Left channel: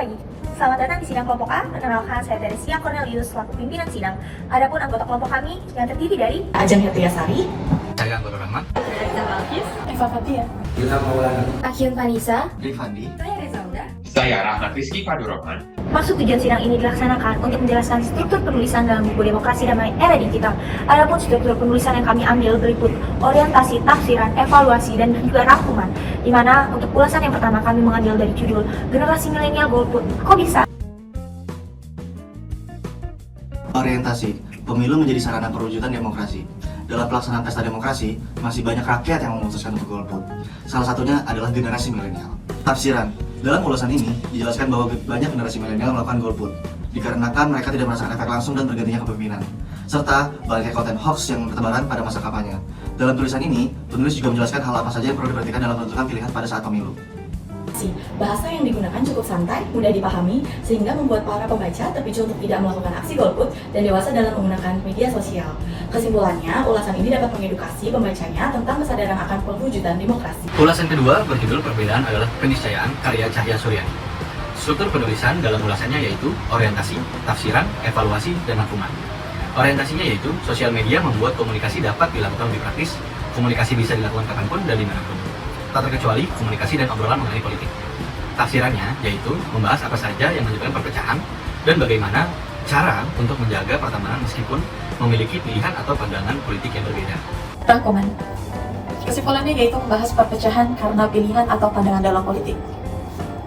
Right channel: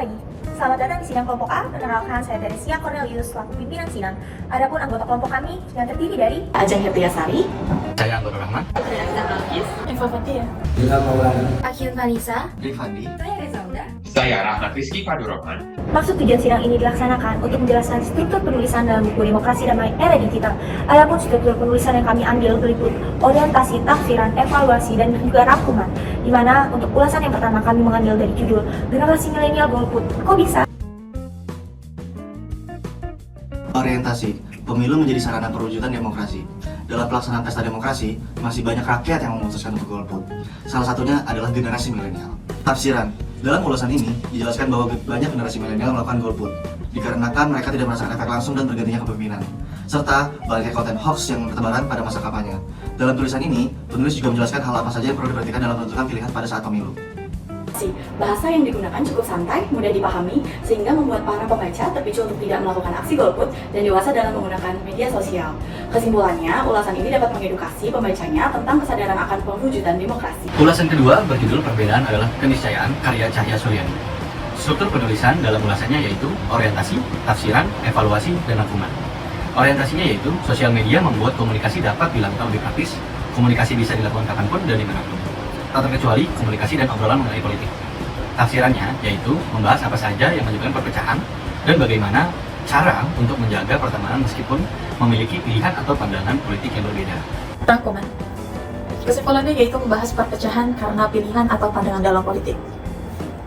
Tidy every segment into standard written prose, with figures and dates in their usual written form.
pagi. Selamat datang di sidang kelompok A. Perkenalkan, saya Teresia Cornelius selaku pimpinan sidang. Adapun anggota kelompok kami yang terdiri dari Ajeng Hirtiasari, Saya Anggota Rahman, Eva Fatia, Akhil Vanisa, Rifandi, saya Reza Uda. Saya Rahmat Rizky Fadurrahman. Maksud tujuan sidang ini dilaksanakan untuk menjelaskan struktur penulisan dalam buku Demokrasi Damai Era Digital. Adapun struktur penulisan yang kami ambil berikut orientasi, tafsiran, evaluasi, dan juga rangkuman. Di mana untuk ulasan yang pertama kami mengambil dari judul Generasi Milenial Golput. Kok bisa? Orientasi, pemilu menjadi sarana perwujudan demokrasi. Dalam pelaksanaan pesta demokrasi, masih banyak rakyat yang memutuskan untuk golput. Salah satunya adalah generasi milenial. Tafsiran, dalam ulasan ini dijelaskan bahwa banyak generasi milenial melakukan golput dikarenakan mereka tidak merasakan efek langsung dan bergantinya kepemimpinan, serta banyaknya konten hoax yang bertebaran pada masa kampanye. Dalam tulisan ini, penulis juga menjelaskan hal apa saja yang perlu diperhatikan dalam menentukan pilihan pada saat pemilu. bahasa yang digunakan cukup santai, mudah dipahami, sehingga membuat para pembaca terpicu untuk tidak melakukan aksi golput dan dewasa dalam menggunakan media sosial. Kesimpulannya, ulasan ini dapat mengedukasi pembacanya tentang kesadaran akan pewujudan demokrasi. Ulasan kedua berjudul Perbedaan adalah Keniscayaan karya Cahya Suryani. Struktur penulisan dalam ulasannya yaitu orientasi, tafsiran, evaluasi, dan rangkuman. Orientasinya yaitu sosial media membuat komunikasi dapat dilakukan lebih praktis, komunikasi bisa dilakukan kapanpun dan dimanapun, tak terkecuali komunikasi dan obrolan mengenai politik. Tafsirannya yaitu membahas apa saja yang menyebabkan perpecahan dan bagaimana cara untuk menjaga pertemanan meskipun memiliki pilihan atau pandangan politik yang berbeda. Rangkuman. Kesimpulannya yaitu membahas perpecahan karena pilihan atau pandangan dalam politik.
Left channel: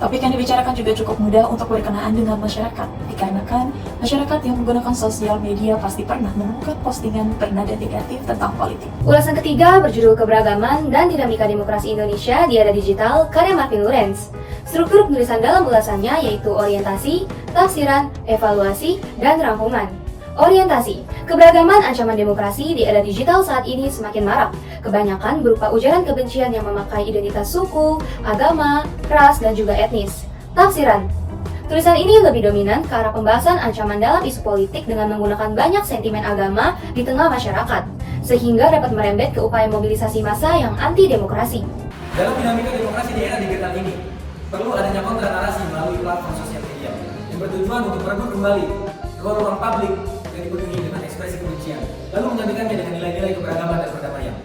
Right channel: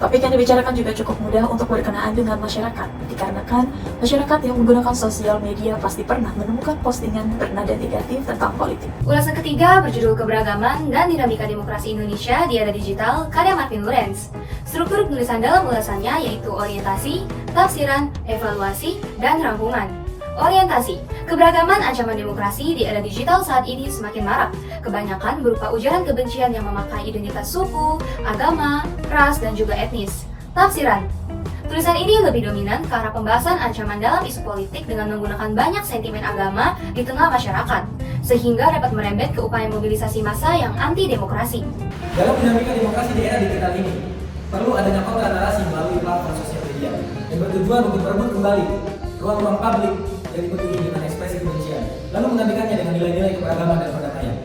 Topik yang dibicarakan juga cukup mudah untuk berkenaan dengan masyarakat, dikarenakan masyarakat yang menggunakan sosial media pasti pernah menemukan postingan bernada negatif tentang politik. Ulasan ketiga berjudul Keberagaman dan Dinamika Demokrasi Indonesia di Era Digital karya Martin Lawrence. Struktur penulisan dalam ulasannya yaitu orientasi, tafsiran, evaluasi, dan rangkuman. Orientasi, keberagaman ancaman demokrasi di era digital saat ini semakin marak. Kebanyakan berupa ujaran kebencian yang memakai identitas suku, agama, ras, dan juga etnis. Tafsiran, tulisan ini lebih dominan ke arah pembahasan ancaman dalam isu politik dengan menggunakan banyak sentimen agama di tengah masyarakat, sehingga dapat merembet ke upaya mobilisasi massa yang anti-demokrasi. Dalam dinamika demokrasi di era digital ini, perlu adanya kontra narasi melalui platform sosial media yang bertujuan untuk merebut kembali ruang-ruang publik dari petinggi dengan ekspresi kebencian, lalu menggantikannya dengan nilai-nilai keberagaman dan perdamaian.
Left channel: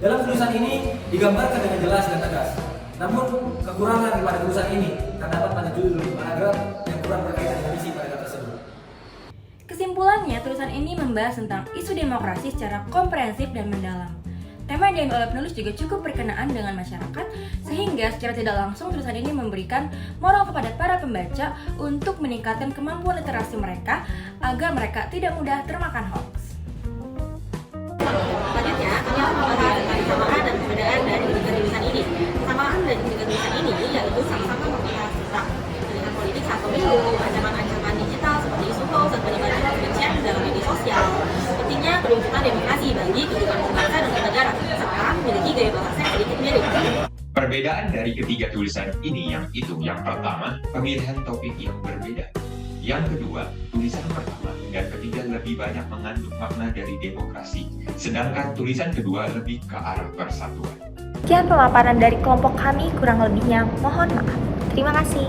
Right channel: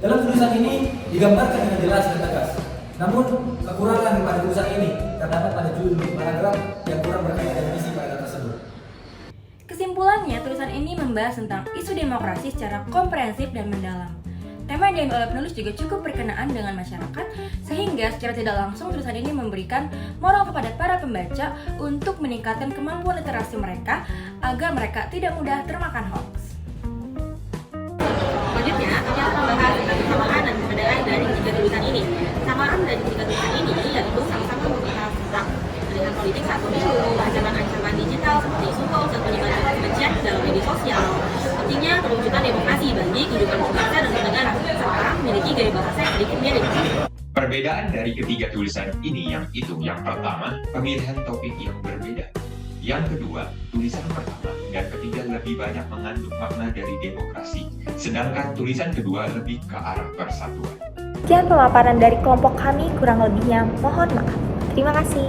Dalam tulisan ini digambarkan dengan jelas dan tegas. Namun, kekurangan pada tulisan ini terdapat pada judul paragraf yang kurang berkaitan dengan isi paragraf tersebut. Kesimpulannya, tulisan ini membahas tentang isu demokrasi secara komprehensif dan mendalam. Tema yang diambil oleh penulis juga cukup berkenaan dengan masyarakat, sehingga secara tidak langsung tulisan ini memberikan moral kepada para pembaca untuk meningkatkan kemampuan literasi mereka agar mereka tidak mudah termakan hoax. Selanjutnya, kami akan membahas tentang kesamaan dan perbedaan dari ketiga tulisan ini. Kesamaan dari ketiga tulisan ini yaitu sama-sama membahas tentang pilihan politik saat pemilu, ancaman-ancaman digital seperti isu hoax dan penyebaran kebencian dalam media sosial. Pentingnya kewujudan demokrasi bagi kehidupan berbangsa dan bernegara, serta memiliki gaya bahasa yang sedikit mirip. Perbedaan dari ketiga tulisan ini yang pertama, pemilihan topik yang berbeda. Yang kedua, tulisan pertama dan ketiga lebih banyak mengandung makna dari demokrasi, sedangkan tulisan kedua lebih ke arah persatuan. Sekian pemaparan dari kelompok kami, kurang lebihnya mohon maaf. Terima kasih.